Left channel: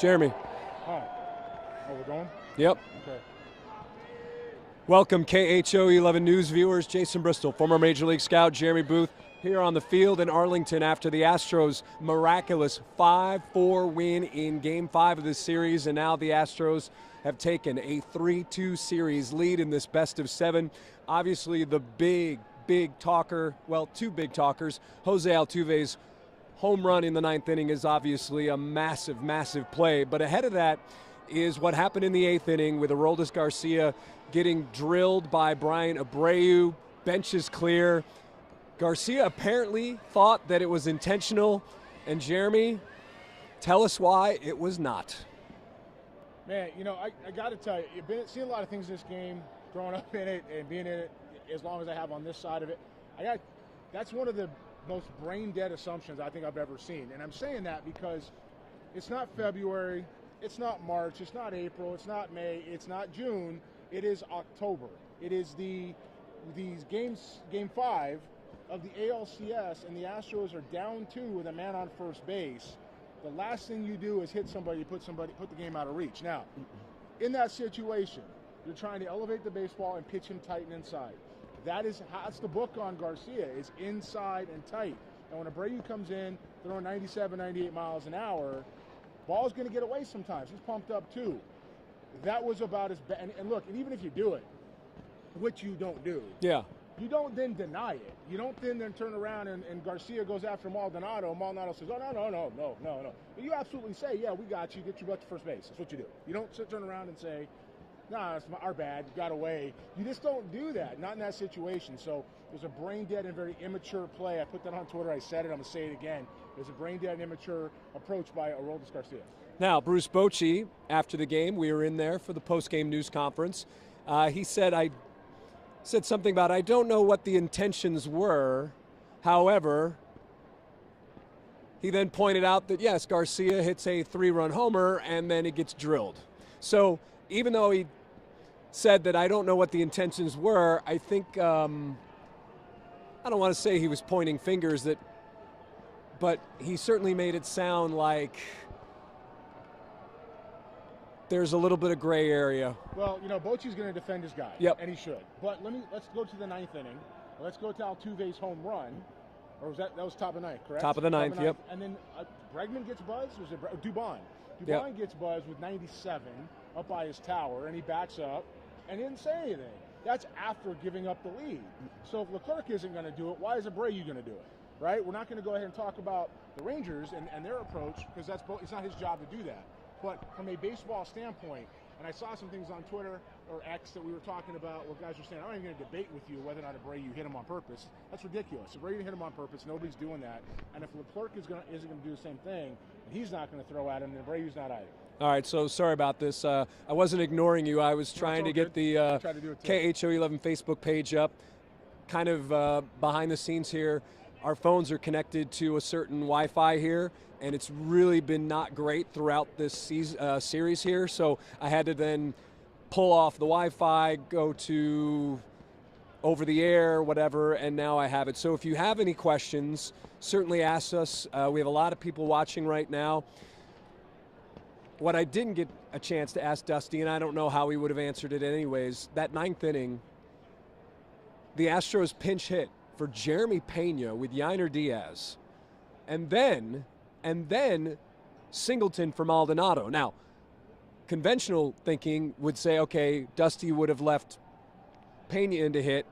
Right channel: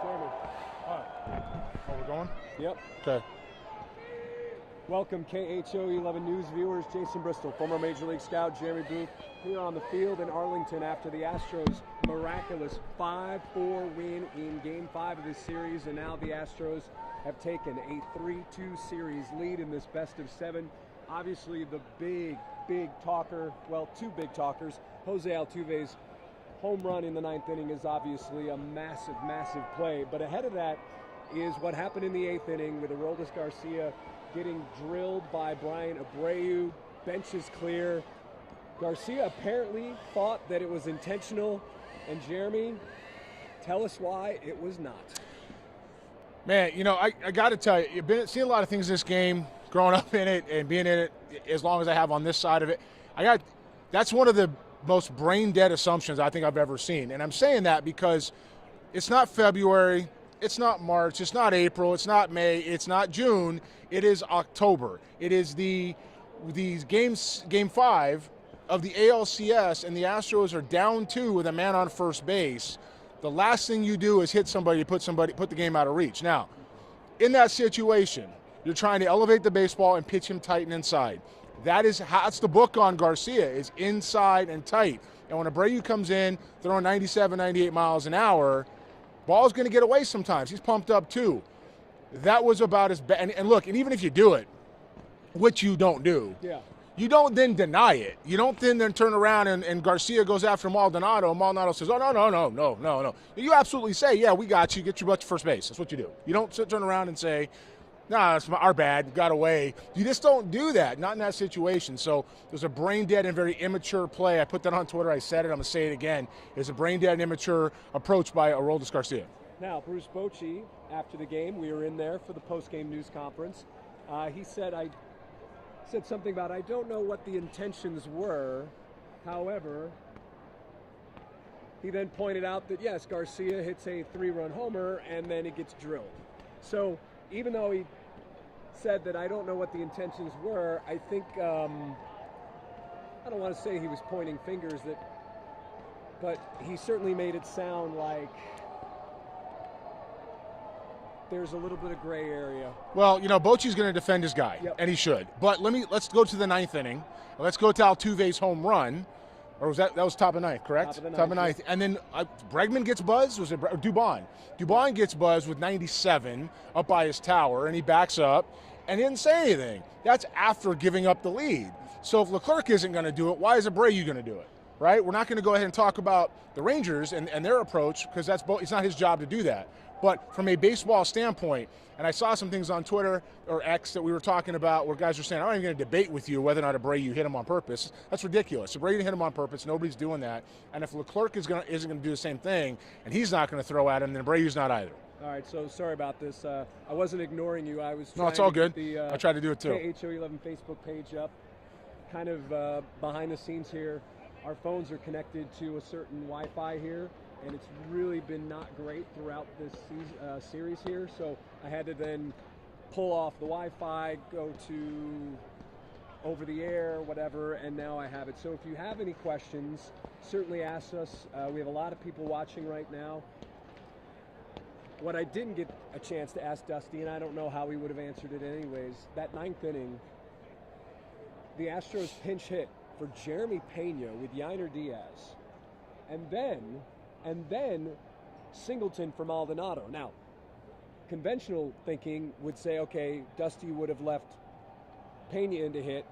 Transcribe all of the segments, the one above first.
Jeremy. All right. Oh, we're going? Yep. Okay. Welcome, KHO 11 News viewers. Jason Bristol, former Major League scout Jeremy Booth, here on the field in Arlington after the Astros' miraculous 5-4 win in Game 5 of this series, and now the Astros have taken a 3-2 series lead in this best of 7. Obviously, the big talker, well, two big talkers, Jose Altuve's home run in the 9th inning is obviously a massive play, but ahead of that is what happened in the 8th inning with Aroldis Garcia getting drilled by Brian Abreu. Bench is clear. Garcia apparently thought that it was intentional, and Jeremy, tell us why it was not. Man, you know, I got to tell you, you've seen a lot of things in this game, growing up in it and being in it as long as I have on this side of it. That's one of the most brain-dead assumptions I think I've ever seen. And I'm saying that because it's not February, it's not March, it's not April, it's not May, it's not June, it is October. It is these Game 5 of the ALCS, and the Astros are down 2 with a man on first base. The last thing you do is hit somebody, put the game out of reach. Now, in that situation, you're trying to elevate the baseball and pitch him tight and inside. That's the book on Garcia, is inside and tight. And when Abreu comes in, throwing 97, 98 miles an hour, ball's going to get away sometimes. He's pumped up too. That was about as bad. And look, and even if you do it, which you don't do, you don't then deny it. You don't then turn around and Garcia goes after Maldonado, and Maldonado says, oh, no. You absolutely say, yeah, we got you. Get your butt to first base. That's what you do. You don't turn around and say, nah, it's our bad, got away. You just don't do that, not in that situation. So there's a brain-dead and very immature play. I put that on Twitter, I said it, I'm going to say it again. It's a brain-dead and immature approach by Aroldis Garcia. Now, Bruce Bochy, after the game, we were in there for the post-game news conference. He said, said something about, I don't know what the intentions were. However, he then pointed out that, yes, Garcia hits a 3-run homer and then it gets drilled. So even though he said that I don't know what the intentions were, I think, I don't want to say he was pointing fingers, but he certainly made it sound like there's a little bit of gray area. Well, you know, Bochy's going to defend his guy, and he should. But let's go to the 9th inning. Let's go to Altuve's home run. Or was that was top of 9th, correct? Top of the 9th. Yeah. And then Bregman gets buzzed. Was it Dubon? Dubon gets buzzed with 97 up by his tower, and he backs up and he didn't say anything. That's after giving up the lead. So if Leclerc isn't going to do it, why is Abreu going to do it? Right? We're not going to go ahead and talk about the Rangers and their approach, because it's not his job to do that. But from a baseball standpoint, and I saw some things on Twitter or X that we were talking about where guys are saying, I'm not even going to debate with you whether or not Abreu hit him on purpose. That's ridiculous. Abreu didn't hit him on purpose. Nobody's doing that. And if Leclerc isn't going to do the same thing, and he's not going to throw at him, then Abreu's not either. All right, so sorry about this. I wasn't ignoring you. I was trying to get the I tried to do it too. KHO 11 Facebook page up. Kind of behind the scenes here, our phones are connected to a certain Wi-Fi here, and it's really been not great throughout this series here. So I had to then pull off the Wi-Fi, go to over the air, whatever, and now I have it. So if you have any questions, certainly ask us. We have a lot of people watching right now. What I didn't get a chance to ask Dusty, and I don't know how he would have answered it anyways, that 9th inning, the Astros pinch hit for Jeremy Pena with Yainer Diaz, and then Singleton for Maldonado. Now, conventional thinking would say, okay, Dusty would have left Pena in to hit,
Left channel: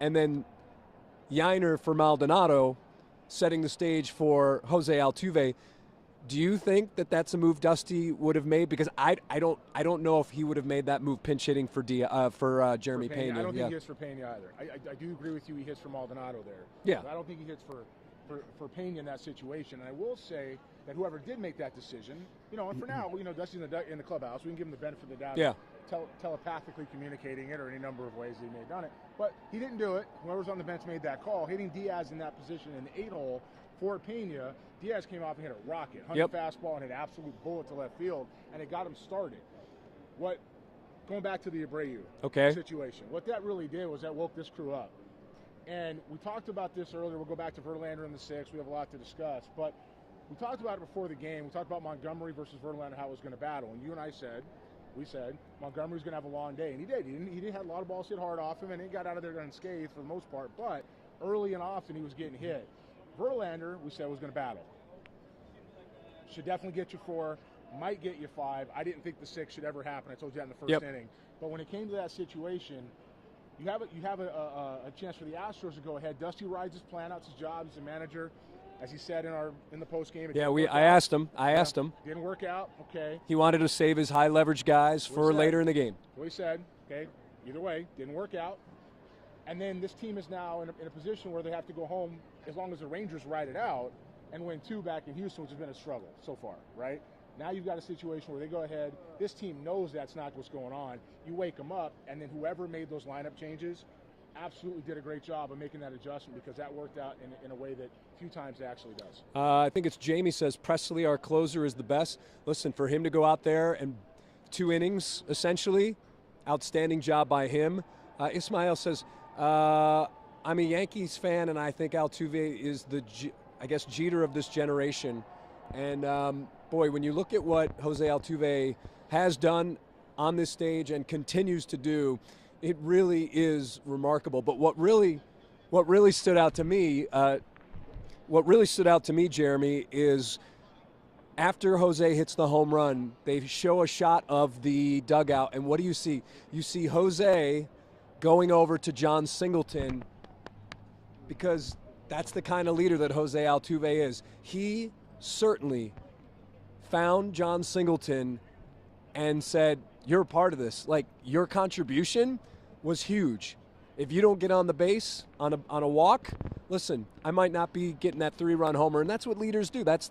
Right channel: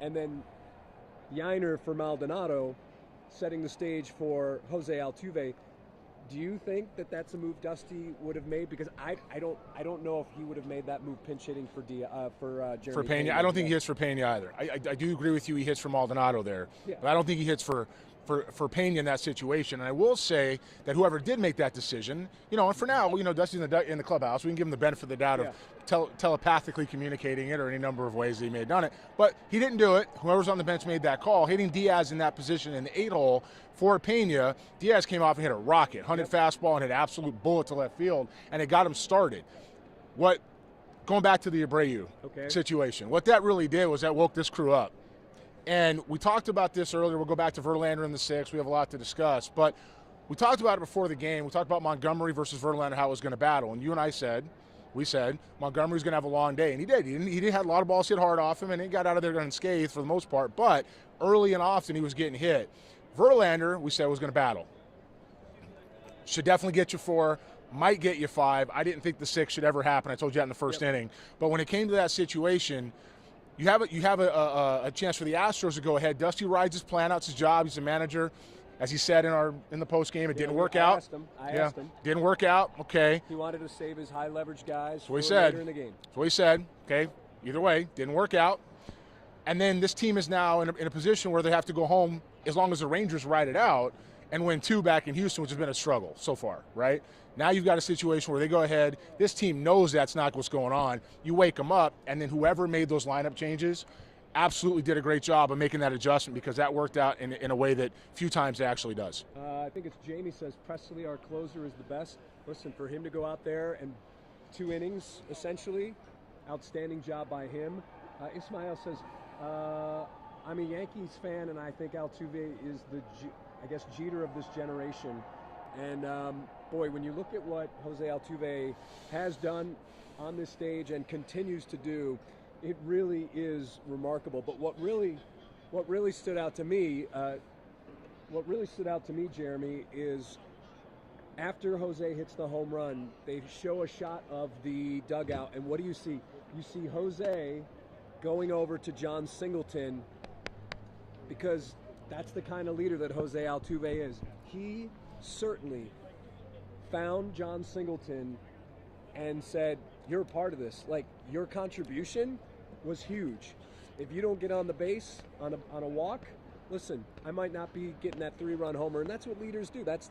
and then Yainer for Maldonado, setting the stage for Jose Altuve. Do you think that that's a move Dusty would have made? Because I don't know if he would have made that move pinch hitting for Jeremy Pena. I don't think he hits for Pena either. I do agree with you. He hits for Maldonado there. Yeah. But I don't think he hits for Pena in that situation. And I will say that whoever did make that decision, you know, and for now, you know, Dusty's in the clubhouse. We can give him the benefit of the doubt of telepathically communicating it or any number of ways that he may have done it. But he didn't do it. Whoever's on the bench made that call. Hitting Diaz in that position in the 8-hole for Pena, Diaz came off and hit a rocket, 100 fastball, and hit an absolute bullet to left field, and it got him started. Going back to the Abreu situation, what that really did was that woke this crew up. And we talked about this earlier. We'll go back to Verlander in the 6th. We have a lot to discuss. But we talked about it before the game. We talked about Montgomery versus Verlander, how it was going to battle. And you and I said, we said Montgomery's going to have a long day. And he did. He did have a lot of balls hit hard off him, and he got out of there unscathed for the most part. But early and often he was getting hit. Verlander, we said, was going to battle. Should definitely get you 4, might get you 5. I didn't think the 6 should ever happen. I told you that in the first inning. But when it came to that situation, you have a chance for the Astros to go ahead. Dusty rides his plan out, his job. He's a manager. As he said in the post game, it didn't work out. I asked him. Didn't work out. Okay. He wanted to save his high leverage guys for later in the game. That's what he said. Okay. Either way, didn't work out. And then this team is now in a position where they have to go home as long as the Rangers ride it out and win 2 back in Houston, which has been a struggle so far, right? Now you've got a situation where they go ahead. This team knows that's not what's going on. You wake them up, and then whoever made those lineup changes absolutely did a great job of making that adjustment, because that worked out in a way that few times it actually does. I think it's Jamie says Presley, our closer, is the best. Listen, for him to go out there and 2 innings, essentially, outstanding job by him. Ismail says, I'm a Yankees fan, and I think Altuve is the, Jeter of this generation. And, boy, when you look at what Jose Altuve has done on this stage and continues to do, it really is remarkable. But what really stood out to me, Jeremy, is after Jose hits the home run, they show a shot of the dugout, and what do you see? You see Jose going over to John Singleton, because that's the kind of leader that Jose Altuve is. He certainly found John Singleton and said, you're a part of this. Like, your contribution was huge. If you don't get on the base on a walk, listen, I might not be getting that 3-run homer, and that's what leaders do. That's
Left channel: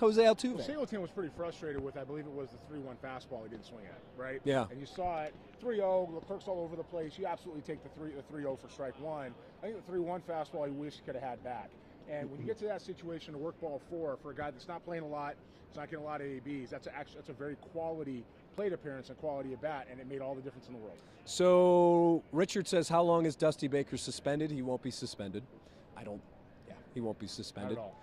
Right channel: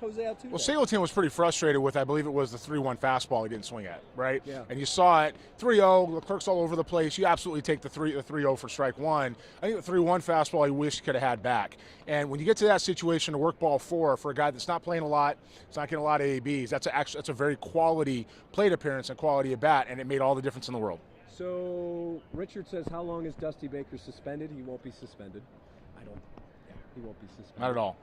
Jose Altuve. Well, Singleton was pretty frustrated with, I believe it was the 3-1 fastball he didn't swing at, right? Yeah. And you saw it, 3-0, the clerk's all over the place. You absolutely take the 3-0 for strike 1. I think the 3-1 fastball he wished he could have had back. And when you get to that situation, to work ball 4 for a guy that's not playing a lot, it's not getting a lot of ABs, that's a very quality plate appearance and quality at bat, and it made all the difference in the world. So Richard says, how long is Dusty Baker suspended? He won't be suspended. He won't be suspended. Not at all.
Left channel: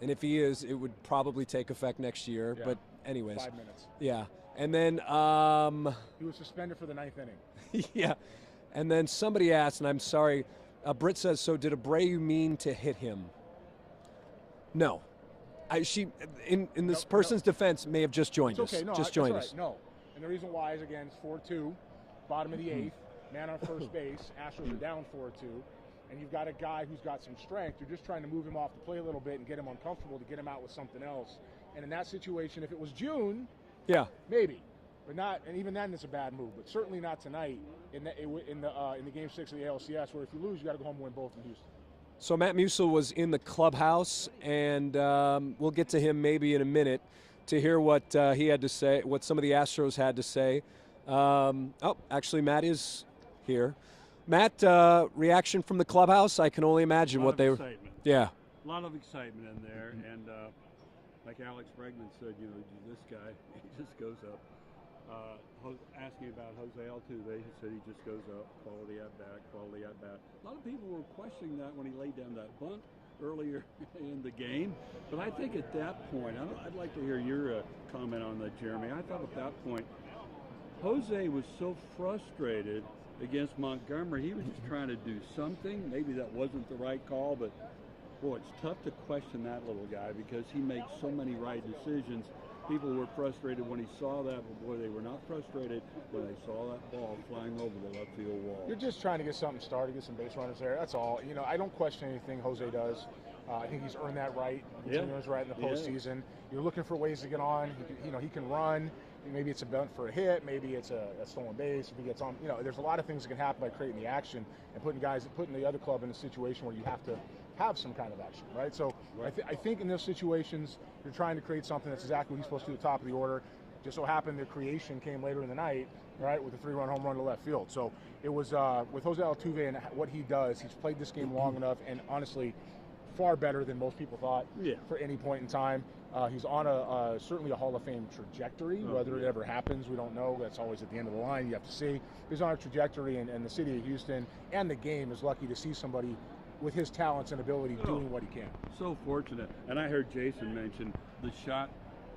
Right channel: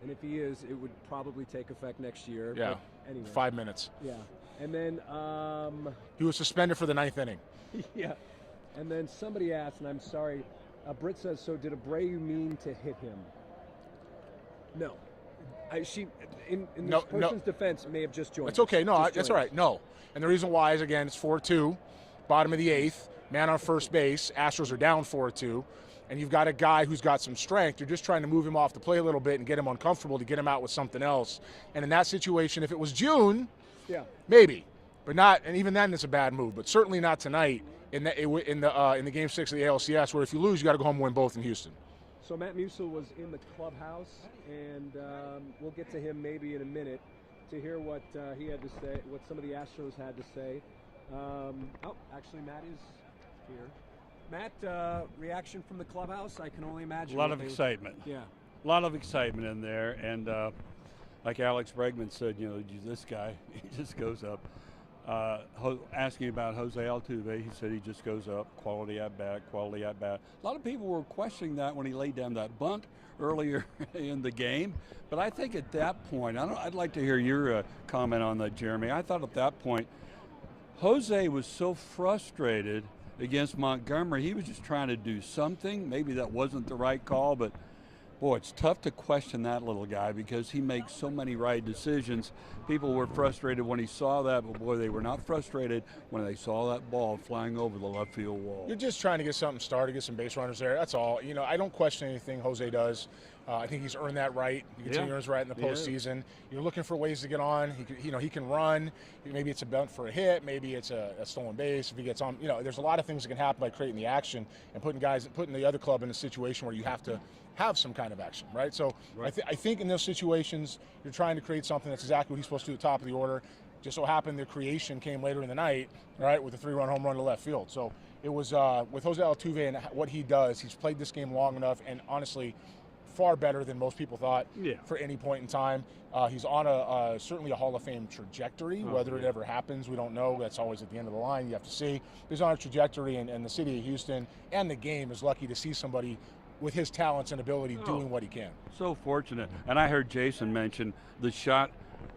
And if he is, it would probably take effect next year. Yeah. But anyways. 5 minutes. Yeah. And then he was suspended for the 9th inning. Yeah. And then somebody asked, and I'm sorry, Britt says, so did Abreu mean to hit him? No. In this person's defense, may have just joined us. It's okay. No, that's all right. No. And the reason why is, again, it's 4-2, bottom of the 8th, man on first base. Astros are down 4-2. And you've got a guy who's got some strength. You're just trying to move him off the plate a little bit and get him uncomfortable to get him out with something else. And in that situation, if it was June, yeah, maybe, but not. And even then, it's a bad move. But certainly not tonight in the Game 6 of the ALCS, where if you lose, you got to go home and win both in Houston. So Matt Musil was in the clubhouse, and we'll get to him maybe in a minute to hear what he had to say, what some of the Astros had to say. Actually, Matt is here. Matt, reaction from the clubhouse? I can only imagine what they were. A lot of excitement. Yeah. A lot of excitement in there. And like Alex Bregman said, this guy, he just goes up. Asking about Jose Altuve, he said he just goes up, quality at bat, quality at bat. A lot of people were questioning that when he laid down that bunt earlier in the game. But I think at that point, I'd like to hear your comment on that, Jeremy. I thought at that point, Jose was so frustrated against Montgomery, he was just trying to do something. Maybe that wasn't the right call, but boy, it's tough to question that little guy because he makes so many right decisions. People were frustrated when he saw that, but boy, they were not frustrated when they saw that ball flying over the left field wall. You're just trying to get something started, get some base runners there. That's all. I don't question anything Jose does. I think he's earned that right. He continues to earn his right in the postseason. You're looking for ways to get on. He can run. Maybe it's a bunt for a hit. Maybe it's a stolen base. If he gets on, there's a lot of things that can happen by creating the action and putting the other club in a situation where you have to have some kind of action, right? So right. I think in those situations, you're trying to create something that's exactly what he's supposed to do at the top of the order. Just so happened the creation came later in the night, right, with a 3-run home run to left field. So it was with Jose Altuve and what he does, he's played this game long enough and honestly far better than most people thought for any point in time. He's on certainly a Hall of Fame trajectory. Whether it ever happens, we don't know. That's always at the end of the line. You have to see. He's on a trajectory, and the city of Houston and the game is lucky to see somebody with his talents and ability doing what he can. So fortunate. And I heard Jason mention the shot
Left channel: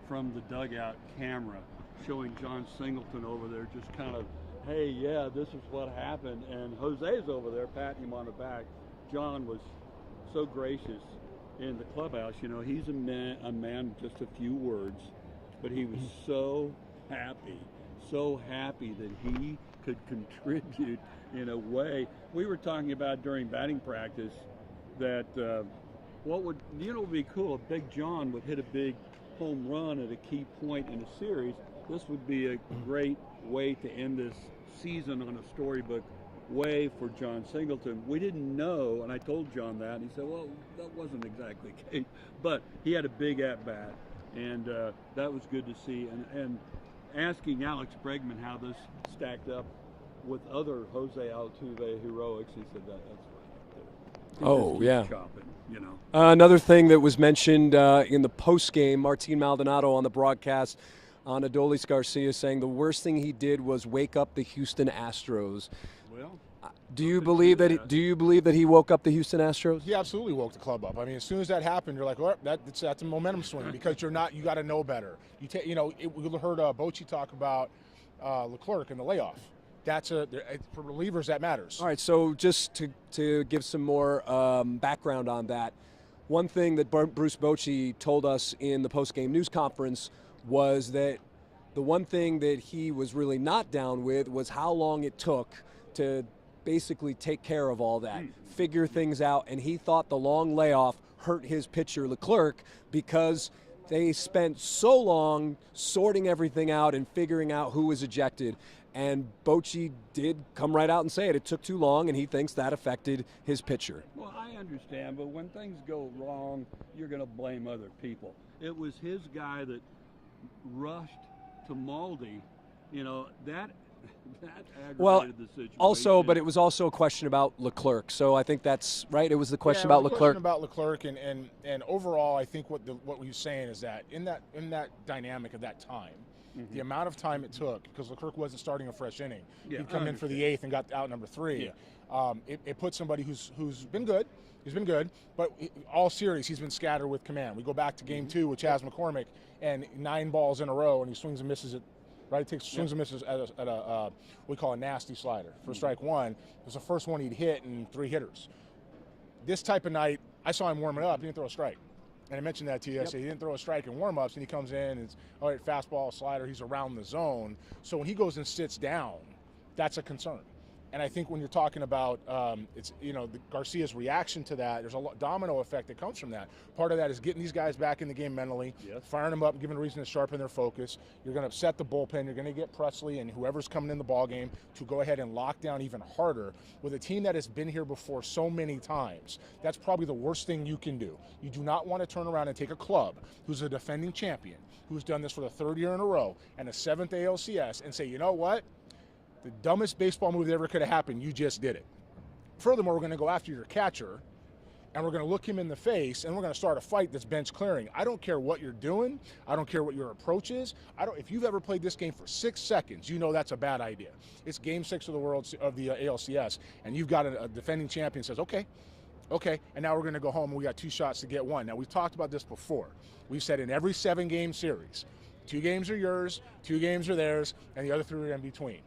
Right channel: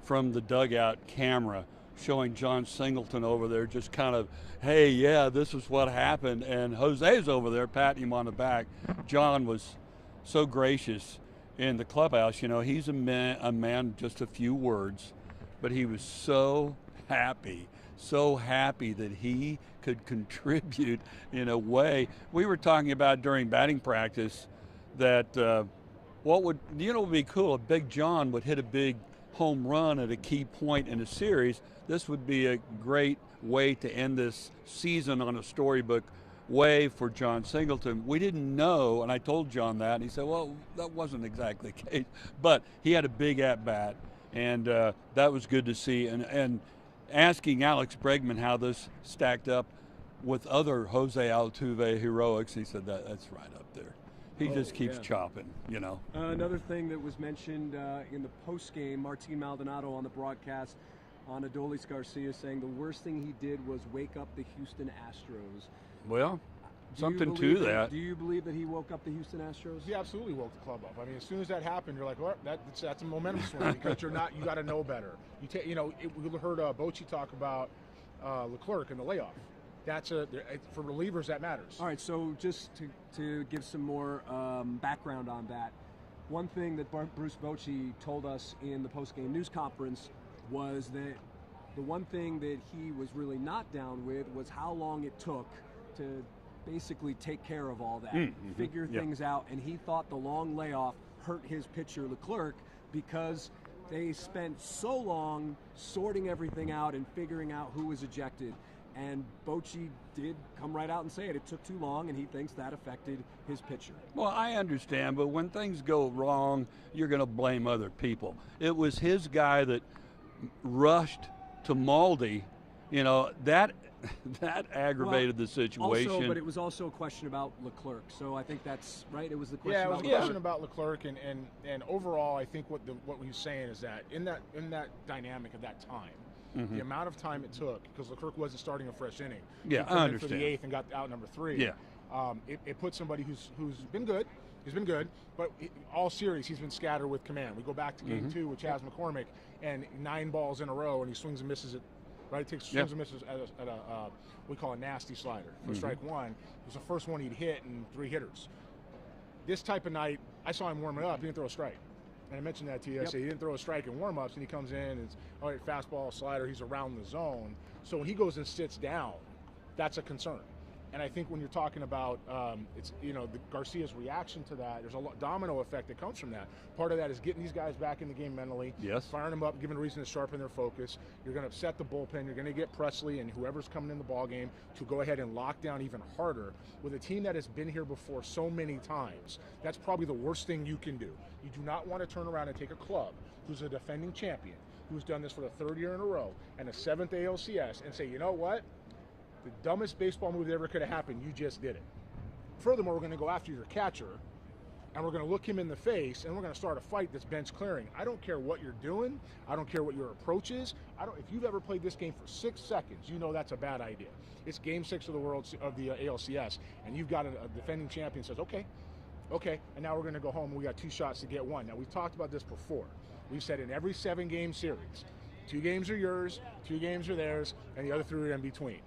from the dugout camera showing John Singleton over there just kind of, hey, yeah, this is what happened. And Jose's over there patting him on the back. John was so gracious in the clubhouse. You know, he's a man just a few words, but he was so happy that he could contribute in a way. We were talking about during batting practice that what would be cool if Big John would hit a big home run at a key point in a series. This would be a great way to end this season on a storybook way for John Singleton. We didn't know, and I told John that, and he said, well, that wasn't exactly the case, but he had a big at-bat, and that was good to see. And asking Alex Bregman how this stacked up with other Jose Altuve heroics, he said that's right up there. He just keeps chopping, you know. Another thing that was mentioned in the post-game, Martin Maldonado on the broadcast on Adolis Garcia saying the worst thing he did was wake up the Houston Astros. Well, do you believe that he woke up the Houston Astros? He absolutely woke the club up. I mean, as soon as that happened, you're like, well, that's a momentum swing because you got to know better. We heard Bochy talk about Leclerc and the layoff. For relievers, that matters. All right, so just to give some more background on that, one thing that Bruce Bochy told us in the post-game news conference was that the one thing that he was really not down with was how long it took to basically take care of all that, figure things out, and he thought the long layoff hurt his pitcher Leclerc because they spent so long sorting everything out and figuring out who was ejected. And Bochy did come right out and say it. It took too long, and he thinks that affected his pitcher. Well, I understand, but when things go wrong, you're going to blame other people. It was his guy that rushed to Maldi. You know, that aggravated the situation. Also, but it was also a question about Leclerc. So I think that's right. It was the question about Leclerc. Question about Leclerc, and overall, I think what he's saying is that in that dynamic of that time, the amount of time it took, because Leclerc wasn't starting a fresh inning. Yeah, he came in for the 8th and got out number 3. Yeah. It put somebody who's been good. He's been good, but all series he's been scattered with command. We go back to game 2 with Chas McCormick, and 9 balls in a row, and he swings and misses it. Right, takes swings and misses at a we call a nasty slider for strike 1. It was the first one he'd hit in 3 hitters. This type of night, I saw him warming up. He didn't throw a strike. And I mentioned that to you. I said he didn't throw a strike in warm-ups, and he comes in and it's all right, fastball, slider. He's around the zone. So when he goes and sits down, that's a concern. And I think when you're talking about the Garcia's reaction to that, there's a domino effect that comes from that. Part of that is getting these guys back in the game mentally, firing them up, giving a reason to sharpen their focus. You're going to upset the bullpen. You're going to get Presley and whoever's coming in the ball game to go ahead and lock down even harder with a team that has been here before so many times. That's probably the worst thing you can do. You do not want to turn around and take a club who's a defending champion, who's done this for the 3rd year in a row, and a 7th ALCS, and say, you know what? The dumbest baseball move that ever could have happened, you just did it. Furthermore, we're going to go after your catcher, and we're going to look him in the face, and we're going to start a fight that's bench clearing. I don't care what you're doing. I don't care what your approach is. If you've ever played this game for 6 seconds, you know that's a bad idea. It's Game 6 of the ALCS, and you've got a defending champion says, okay, and now we're going to go home, and we got 2 shots to get 1. Now, we've talked about this before. We've said in every 7-game series, 2 games are yours, 2 games are theirs, and the other 3 are in between.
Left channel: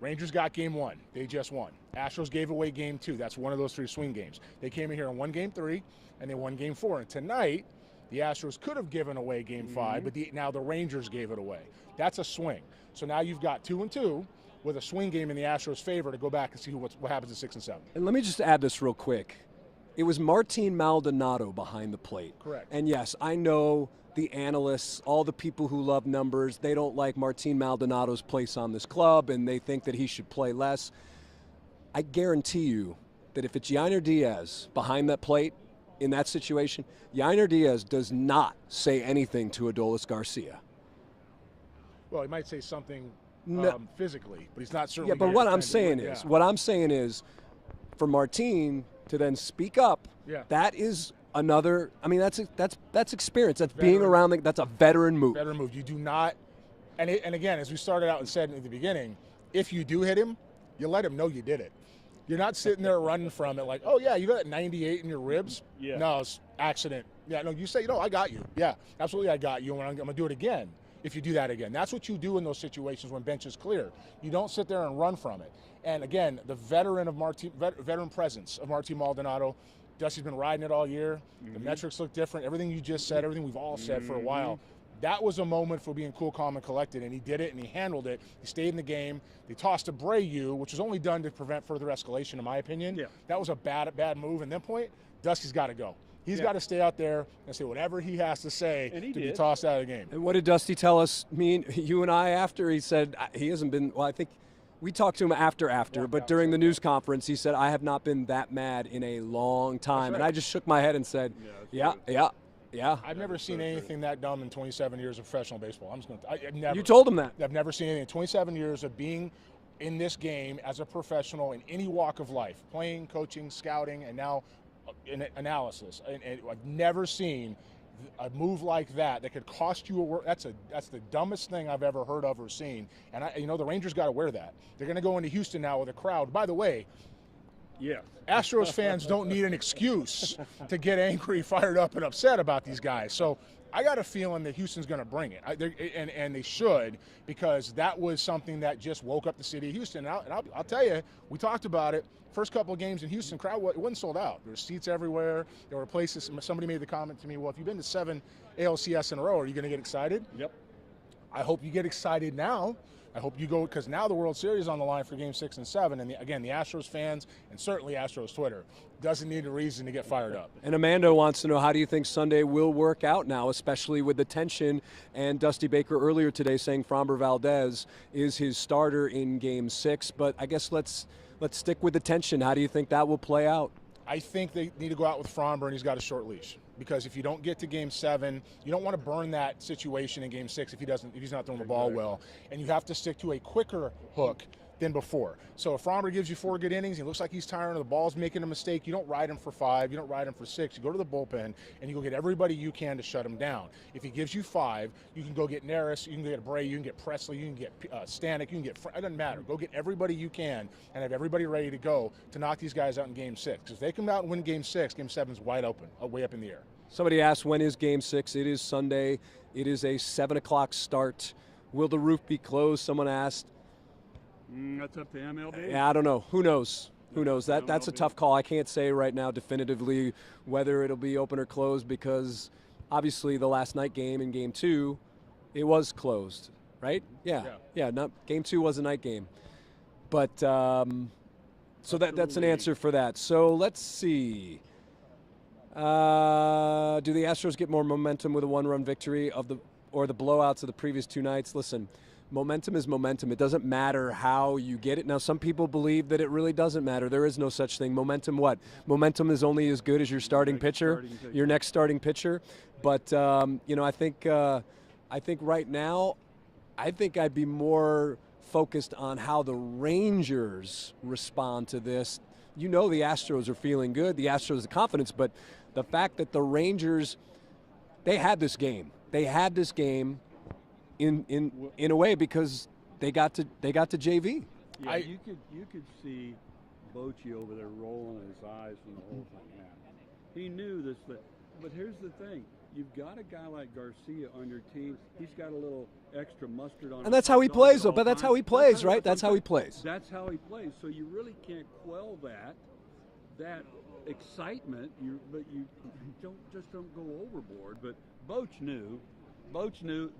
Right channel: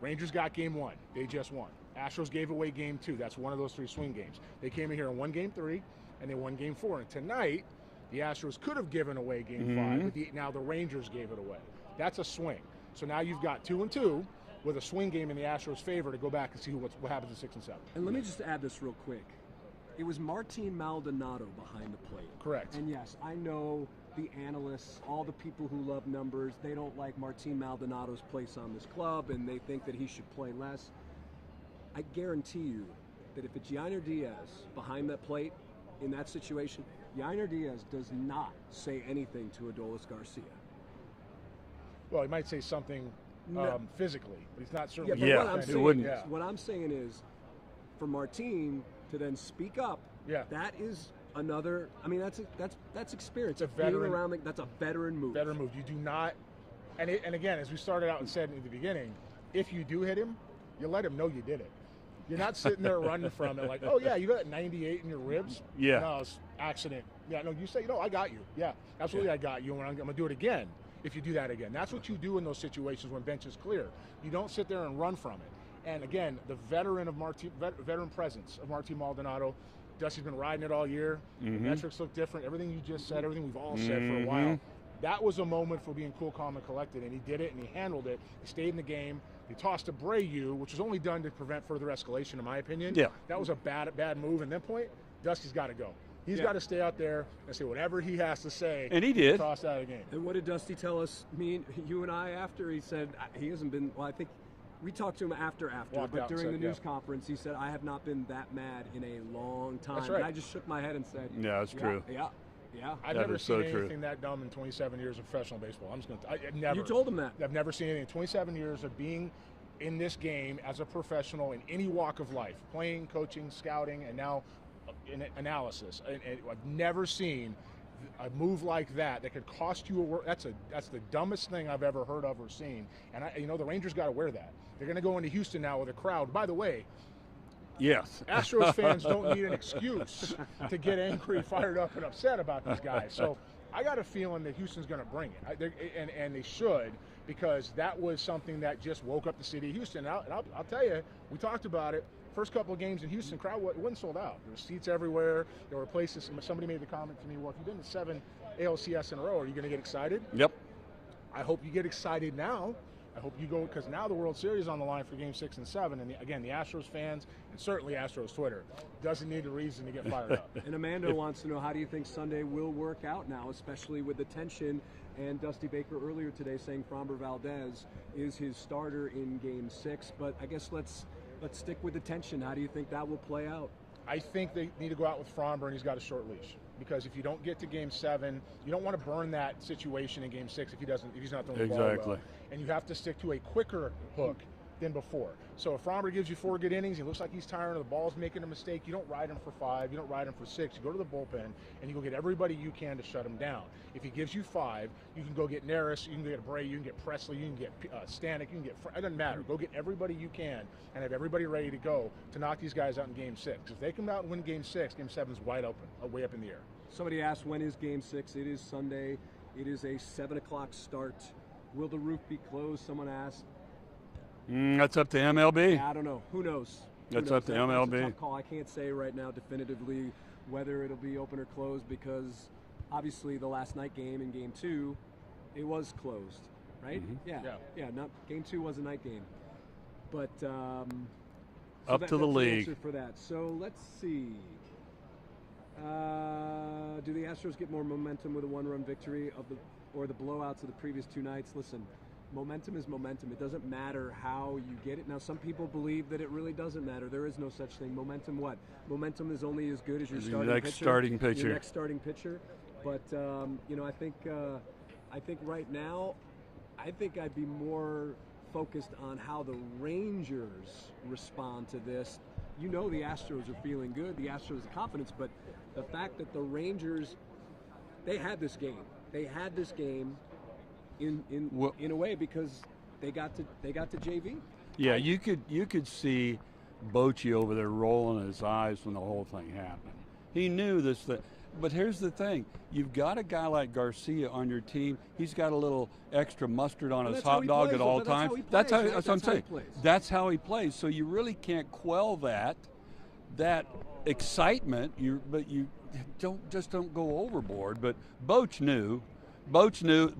Rangers got game 1. They just won. Astros gave away game 2. That's one of those 3 swing games. They came in here and won game 3, and they won game 4. And tonight, the Astros could have given away game 5, but now the Rangers gave it away. That's a swing. So now you've got 2-2 with a swing game in the Astros' favor to go back and see what happens at 6 and 7. And let me just add this real quick. It was Martin Maldonado behind the plate. Correct. And yes, I know the analysts, all the people who love numbers, they don't like Martin Maldonado's place on this club, and they think that he should play less. I guarantee you that if it's Yainer Diaz behind that plate in that situation, Yainer Diaz does not say anything to Adolis Garcia. Well, he might say something physically, but he's not certainly. Yeah, but what I'm saying is, for Martin to then speak up, that is another. I mean, that's experience. That's veteran, being around. That's a veteran move. Veteran move. You do not. And again, as we started out and said in the beginning, if you do hit him, you let him know you did it. You're not sitting there running from it like, oh, yeah, you got that 98 in your ribs? Yeah. No, it's accident. Yeah, no, you say, no, I got you. Yeah, absolutely, I got you, and I'm going to do it again if you do that again. That's what you do in those situations when bench is clear. You don't sit there and run from it. And again, the veteran presence of Martin Maldonado. Dusty's been riding it all year. The metrics look different. Everything you just said, everything we've all said for a while. That was a moment for being cool, calm, and collected, and he did it, and he handled it. He stayed in the game. They tossed to Brayu, which was only done to prevent further escalation, in my opinion. Yeah. That was a bad move. And then Dusty's got to go. He's got to stay out there and say whatever he has to say. And he did. Tossed out of the game. And what did Dusty tell us, you and I, after? He said he hasn't been, well, I think we talked to him after, but during the news conference, he said, I have not been that mad in a long time. Right. And I just shook my head and said, yeah, that's true. Yeah. I've never seen anything that dumb in 27 years of professional baseball. Never. You told him that. I've never seen anything in 27 years of being in this game as a professional in any walk of life, playing, coaching, scouting, and now in analysis. And I've never seen a move like that could cost you a work. That's the dumbest thing I've ever heard of or seen. And the Rangers got to wear that. They're going to go into Houston now with a crowd. By the way, yes, Astros fans don't need an excuse to get angry, fired up, and upset about these guys. So I got a feeling that Houston's going to bring it, and they should, because that was something that just woke up the city of Houston. And I'll tell you, we talked about it. First couple of games in Houston, crowd wasn't sold out. There were seats everywhere. There were places. Somebody made the comment to me, well, if you've been to 7 ALCS in a row, are you going to get excited? Yep. I hope you get excited now. I hope you go, because now the World Series is on the line for Game 6 and 7. And again, the Astros fans, and certainly Astros Twitter, doesn't need a reason to get fired up. And Amanda wants to know, how do you think Sunday will work out now, especially with the tension, and Dusty Baker earlier today saying Framber Valdez is his starter in Game 6. But I guess let's stick with the tension. How do you think that will play out? I think they need to go out with Framber, and he's got a short leash. Because if you don't get to Game 7, you don't want to burn that situation in Game 6 if he's not throwing the ball well. And you have to stick to a quicker hook than before. So if Framber gives you 4 good innings, he looks like he's tiring, the ball's making a mistake, you don't ride him for 5, you don't ride him for 6, you go to the bullpen, and you go get everybody you can to shut him down. If he gives you 5, you can go get Neris, you can get Bray, you can get Presley, you can get Stanek, you can get, it doesn't matter. Go get everybody you can and have everybody ready to go to knock these guys out in Game 6. Because if they come out and win Game 6, Game 7 is wide open, way up in the air. Somebody asked, when is Game 6? It is Sunday. It is a 7 o'clock start. Will the roof be closed? Someone asked. That's up to MLB. Yeah, I don't know. Who knows? Who knows? That's a tough call. I can't say right now definitively whether it'll be open or closed, because obviously the last night game in Game 2, it was closed, right? Yeah. Game 2 was a night game. But so that's an answer for that. So let's see. Do the Astros get more momentum with a 1-run victory or the blowouts of the previous 2 nights? Listen, momentum is momentum. It doesn't matter how you get it. Now, some people believe that it really doesn't matter. There is no such thing. Momentum what? Momentum is only as good as your starting pitcher. Your next starting pitcher. But I think right now, I think I'd be more focused on how the Rangers respond to this. The Astros are feeling good. The Astros have confidence, but the fact that the Rangers, they had this game. They had this game in a way because they got to JV. Yeah, you could see Bochy over there rolling his eyes when the whole thing happened. He knew this thing. But here's the thing. You've got a guy like Garcia on your team. He's got a little extra mustard on his hot dog. And that's how he plays, though. But that's how he plays, right? That's how he plays. That's how he plays. So you really can't quell that excitement. But you don't go overboard. But Boch knew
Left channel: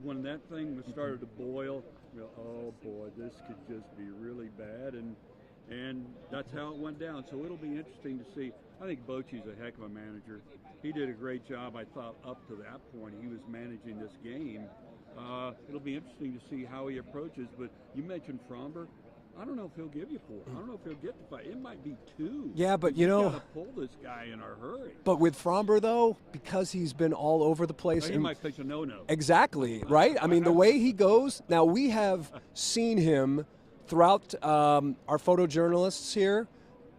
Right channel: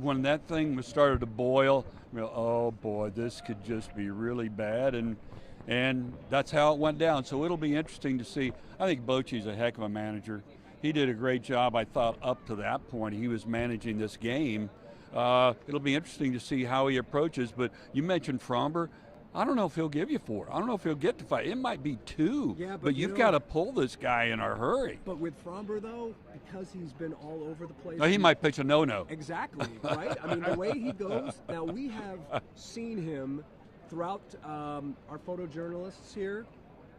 when that thing started to boil. Oh boy, this could just be really bad, and that's how it went down. So it'll be interesting to see. I think Bochy's a heck of a manager. He did a great job, I thought, up to that point. He was managing this game. It'll be interesting to see how he approaches. But you mentioned Framber. I don't know if he'll give you 4. I don't know if he'll get to 5. It might be 2. Yeah, but you've got to pull this guy in a hurry. But with Framber, though, because he's been all over the place. He might pitch a no-no. Exactly, right? I mean, the way he goes. Now, we have seen him throughout our photojournalists here.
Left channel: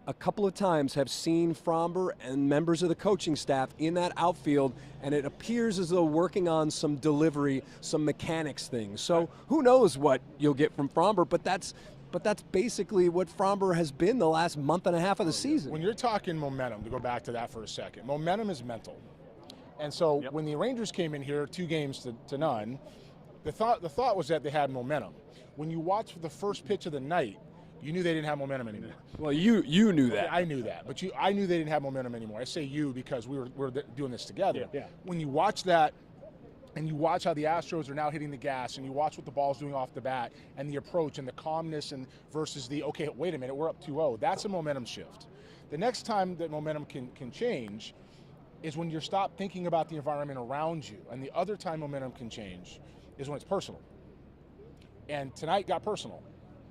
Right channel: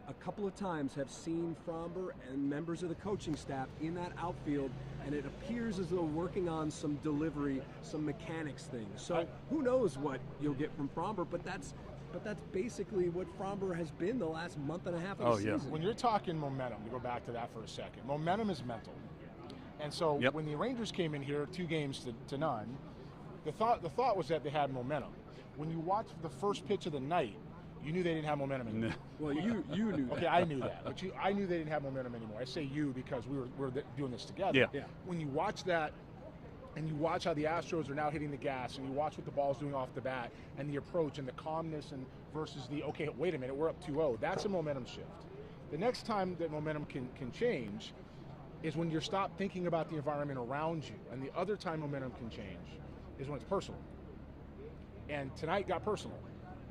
A couple of times have seen Framber and members of the coaching staff in that outfield, and it appears as though working on some delivery, some mechanics things. So who knows what you'll get from Framber, but that's but that's basically what Fromber has been the last month and a half of the season. When you're talking momentum, to go back to that for a second, momentum is mental. And so when the Rangers came in here 2 games to none, the thought was that they had momentum. When you watch the first pitch of the night, you knew they didn't have momentum anymore. Well, you knew that. Okay, I knew that, but I knew they didn't have momentum anymore. I say you because we were doing this together. Yeah. When you watch that, and you watch how the Astros are now hitting the gas, and you watch what the ball's doing off the bat, and the approach, and the calmness, and versus the, okay, wait a minute, we're up 2-0. That's a momentum shift. The next time that momentum can change is when you stop thinking about the environment around you, and the other time momentum can change is when it's personal. And tonight got personal.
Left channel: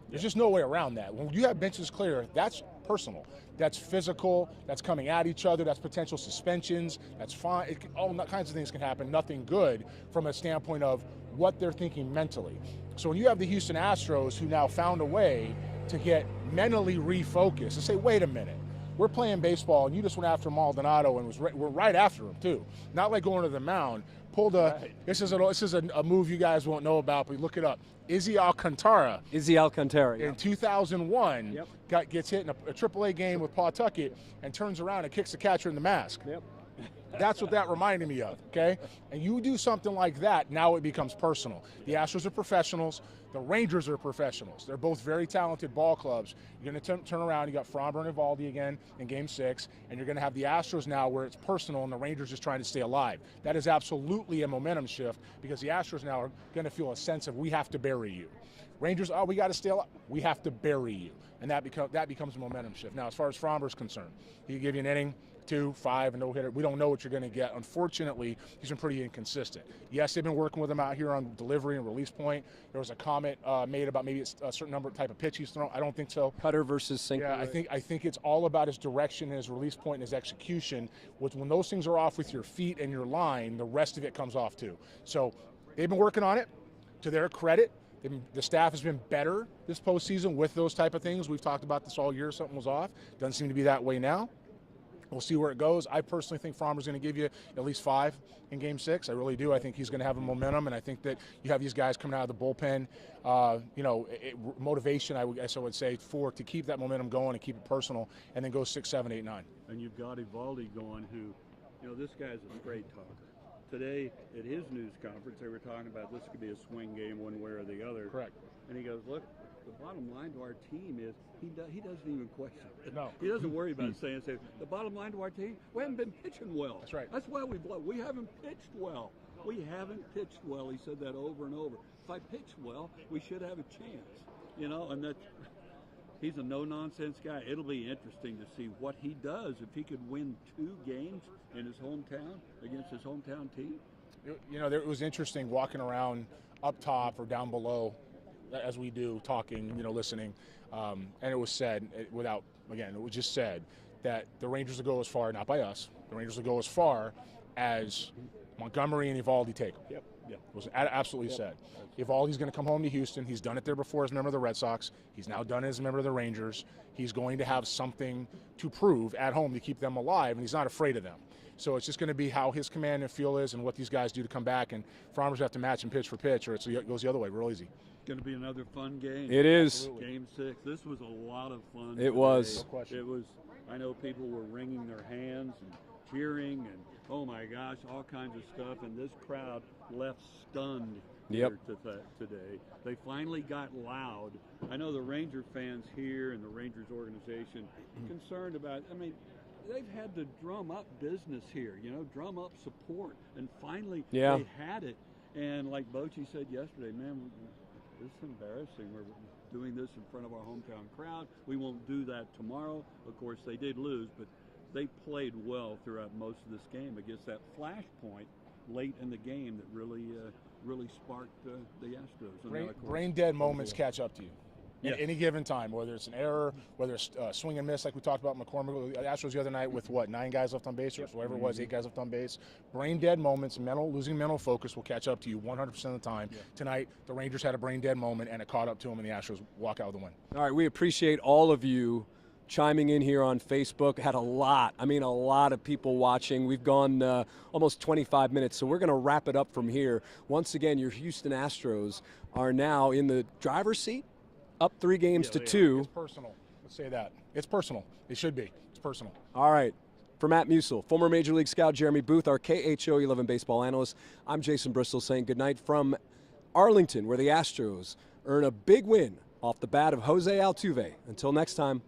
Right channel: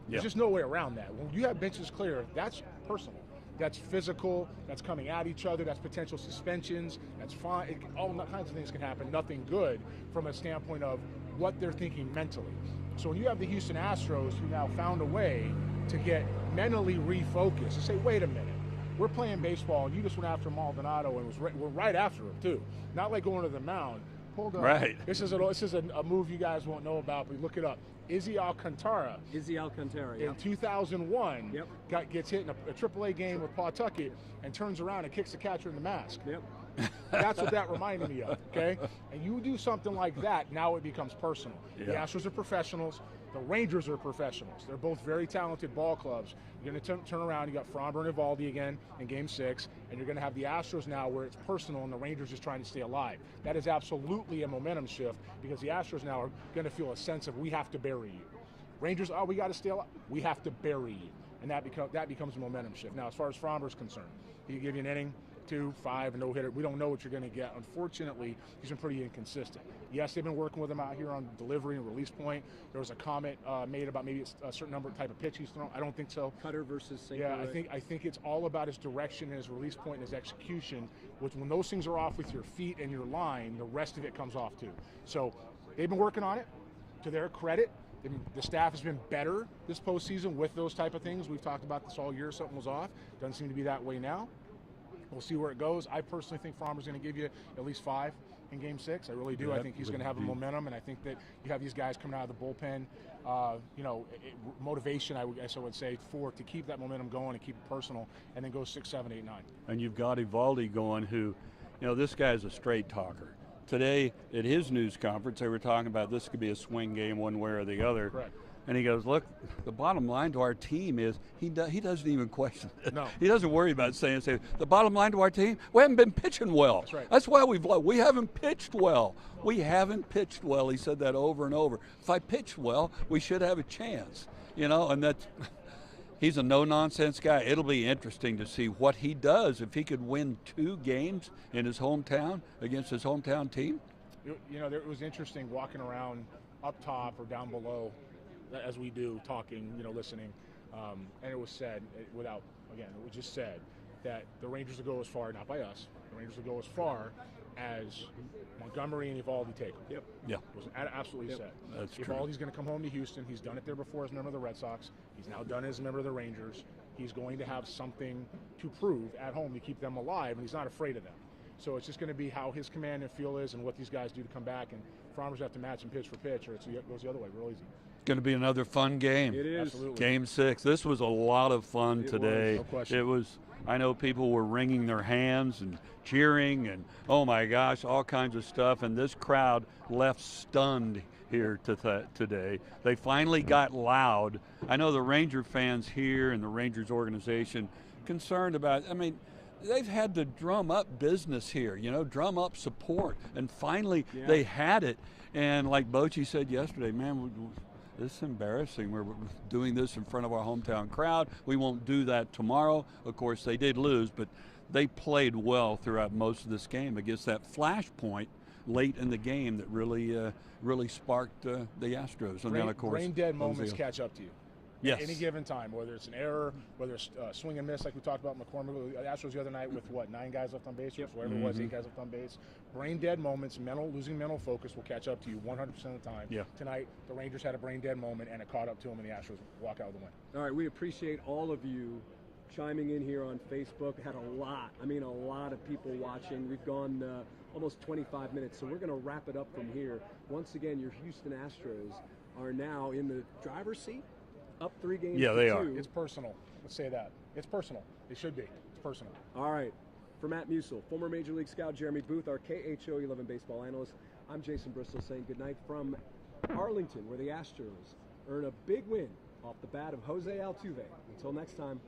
There's just no way around that. When you have benches clear, that's personal. That's physical, that's coming at each other, that's potential suspensions, that's fine. All kinds of things can happen, nothing good from a standpoint of what they're thinking mentally. So when you have the Houston Astros who now found a way to get mentally refocused and say, wait a minute, we're playing baseball and you just went after Maldonado and we're right after him too. Not like going to the mound. Pulled up. Right. This is a move you guys won't know about, but look it up. Izzy Alcantara. In 2001, gets hit in a AAA game with Pawtucket and turns around and kicks the catcher in the mask. That's what that reminded me of, okay? And you do something like that, now it becomes personal. The Astros are professionals. The Rangers are professionals. They're both very talented ball clubs. You're going to turn around. You got Fromber and Eovaldi again in Game 6, and you're going to have the Astros now where it's personal and the Rangers just trying to stay alive. That is absolutely a momentum shift because the Astros now are going to feel a sense of we have to bury you. Rangers, we got to stay alive. We have to bury you, and that becomes a momentum shift. Now, as far as Fromber's concerned, he can give you an inning, 2, 5, and no hitter. We don't know what you're going to get. Unfortunately, he's been pretty inconsistent. Yes, they've been working with him out here on delivery and release point. There was a comment made about maybe it's a certain number of type of pitch he's thrown. I don't think so. Cutter versus sinker. Yeah, I think it's all about his direction and his release point and his execution. Which when those things are off with your feet and your line, the rest of it comes off too. So they've been working on it. To their credit, the staff has been better this postseason with those type of things. We've talked about this all year. Something was off. Doesn't seem to be that way now. We'll see where it goes. I personally think Fromber's going to give you at least 5 in Game 6. I really do. I think he's going to have a momentum, and I think that you have these guys coming out of the bullpen. Motivation, I would say, to keep that momentum going and keep it personal, and then go 6, 7, 8, 9. And you've got Eovaldi going, who, this guy's a straight talker. Today at his news conference, they were talking about this could be a swing game one way or the other. Correct. And he goes, look, the bottom line to our team is he doesn't even question it. No. He doesn't worry about saying the bottom line to our team, we haven't been pitching well. That's right. That's why we haven't pitched well. We haven't pitched well. He said that over and over. If I pitched well, we should have a chance. And that's he's a no-nonsense guy. It'll be interesting to see what he does if he could win 2 games in his hometown against his hometown team. It was interesting walking around up top or down below as we do, talking, listening, and it was said, it was just said that the Rangers will go as far, not by us, the Rangers will go as far as Montgomery and Eovaldi take them. Yep. Yeah. It was absolutely said. Eovaldi's going to come home to Houston. He's done it there before as a member of the Red Sox. He's now done it as a member of the Rangers. He's going to have something to prove at home to keep them alive, and he's not afraid of them. So it's just going to be how his command and feel is and what these guys do to come back, and Fromber's have to match him pitch for pitch, or it goes the other way real easy. Going to be another fun game. It is. Absolutely. Game 6. This was a lot of fun today. It was. No question. It was. I know people were wringing their hands and cheering and, oh my gosh, all kinds of stuff. And this crowd left stunned here today. They finally got loud. I know the Ranger fans here and the Rangers organization concerned about, they've had to drum up business here, drum up support. And finally they had it. And like Bochy said yesterday, man, this is embarrassing. We're doing this in front of our hometown crowd. We won't do that tomorrow. Of course, they did lose, but they played well throughout most of this game against that flashpoint late in the game that really sparked the Astros. And then, of course, brain dead moments catch up to you. Yes. At any given time, whether it's an error, whether it's swing and miss, like we talked about McCormick, the Astros the other night with 9 guys left on base, or whatever it was, 8 guys left on base. Brain dead moments, losing mental focus will catch up to you 100% of the time. Yeah. Tonight, the Rangers had a brain dead moment, and it caught up to them, and the Astros walk out with the win. All right, we appreciate all of you chiming in here on Facebook. Had a lot of people watching. We've gone almost 25 minutes, so we're going to wrap it up from here. Once again, your Houston Astros are now in the driver's seat up 3 games Yeah, to they 2. It's personal. Let's say that. It's personal. It should be. It's personal. All right. For Matt Musil, former Major League scout Jeremy Booth, our KHO 11 baseball analyst, I'm Jason Bristol saying goodnight from Arlington, where the Astros earn a big win off the bat of Jose Altuve. Until next time.